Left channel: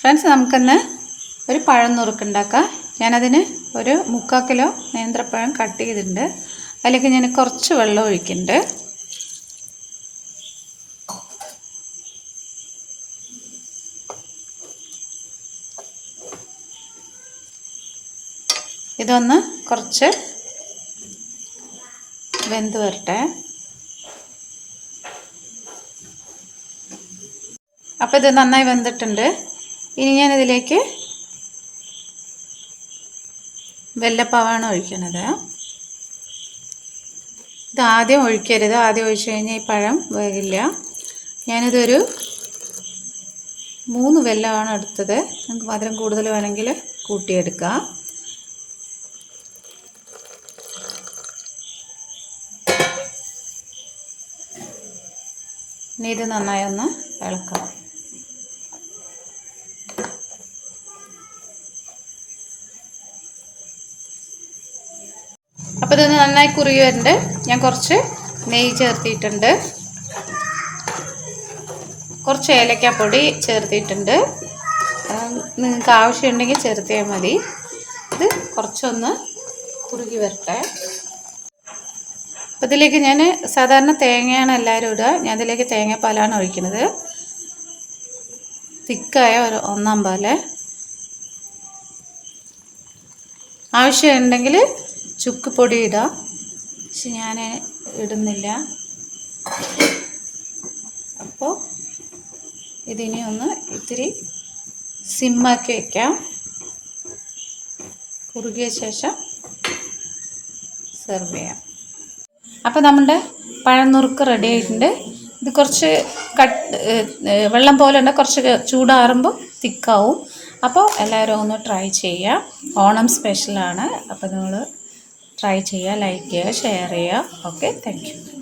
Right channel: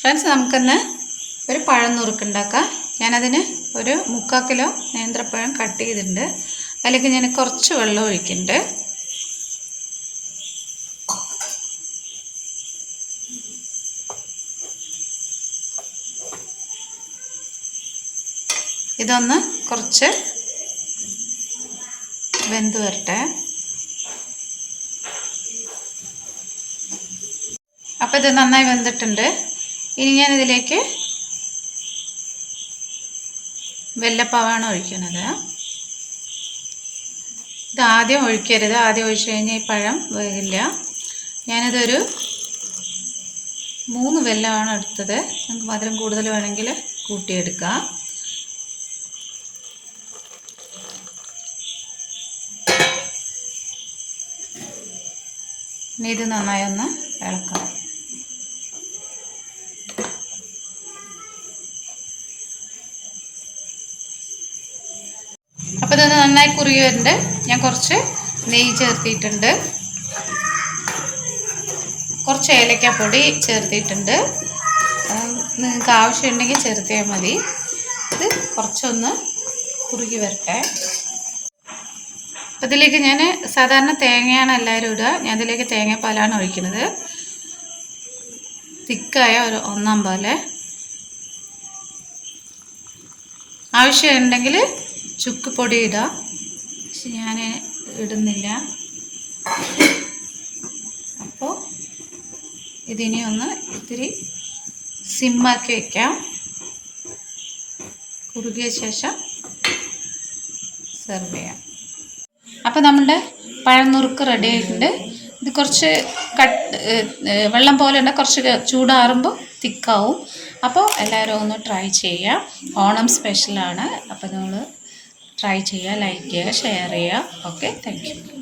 Friends, നമുക്കിന്ന് ഒരു പഴം നുറുക്കുണ്ടാക്കാം. ഞാനതിന് ഒരു 3/4 കിലോ നേന്ത്രപ്പഴം കട്ട് ചെയ്തിട്ടുണ്ട്. അതിലേക്ക് ഞാൻ കുറച്ച് വെള്ളം ഒഴിക്കുന്നുണ്ട്. ഇതൊന്ന് കുറച്ച് വെന്ത് വരട്ടെ. അപ്പോൾ ഇത് നന്നായി വെന്തിട്ടുണ്ട്. ഇനി ഞാനിതിലേക്ക് വെല്ലപ്പാവാണ് ഒഴിക്കുന്നത്. ഇത് ആദ്യം ഒഴിക്കരുത്. ആദ്യം ഒഴിച്ച് കഴിഞ്ഞാൽ ഈ പഴം വേകില്ല. ഞാനിതൊരു 3 വെല്ലമാണ് എടുത്തത്. നിങ്ങൾക്ക് മധുരം കൂടുതൽ വേണമെങ്കിൽ കൂട്ടിയെടുക്കാം. ഇനി ഇത് നന്നായി ഒന്ന് ഇളക്കണം. അപ്പോൾ ഇതൊന്ന് നന്നായി കുറുകി വരുന്നുണ്ട്. ഞാൻ കുറച്ച് നെയ്യ് ചേർത്തിട്ടുണ്ട്, കുറച്ച് ഏലക്കാപ്പൊടി ചേർത്തിട്ടുണ്ട്. നിങ്ങൾക്ക് ആവശ്യമുണ്ടെങ്കിൽ ചേർത്തിയാൽ മതി. ഇത് കുറച്ചൊന്ന് കുറുകി വരട്ടെ. അപ്പോൾ ഇതിലേക്ക് ഞാൻ സാധാരണ തേങ്ങയാണ് എല്ലാവരും ഇടുക. ഞാൻ ഇതിലേക്ക് തേങ്ങാപ്പാലാണ് ഒഴിക്കുന്നത്. തിക്കായ ഒരു 1/4 പാല്. ആവശ്യമുണ്ടെങ്കിൽ ചുക്ക് പൊടി ഇടാം, പക്ഷെ ഞാൻ ഇടുന്നില്ല. അപ്പോൾ ഇതിനെ ഒന്ന് ഇത്തിരി സിമ്മാക്കി വയ്ക്കാം. കുറുകിയ ശേഷം സെർവ് ചെയ്യാം. അപ്പോൾ നമ്മുടെ പഴം നുറുക്ക് റെഡി ആയിട്ടുണ്ട്. ഇത് കുറച്ച് വെള്ളം പോലെ ഉണ്ട്. കുറച്ച് ചൂടാറുമ്പോൾ തിക്കാവും. അപ്പോൾ എല്ലാവരും ഒന്ന് ട്രൈ ചെയ്യുക. ഓണം സ്പെഷ്യലാണ്. അപ്പോൾ നിങ്ങൾ ട്രൈ ചെയ്യുക, ലൈക്ക് ചെയ്യുക, ഷെയർ ചെയ്യുക. Okay, thank you.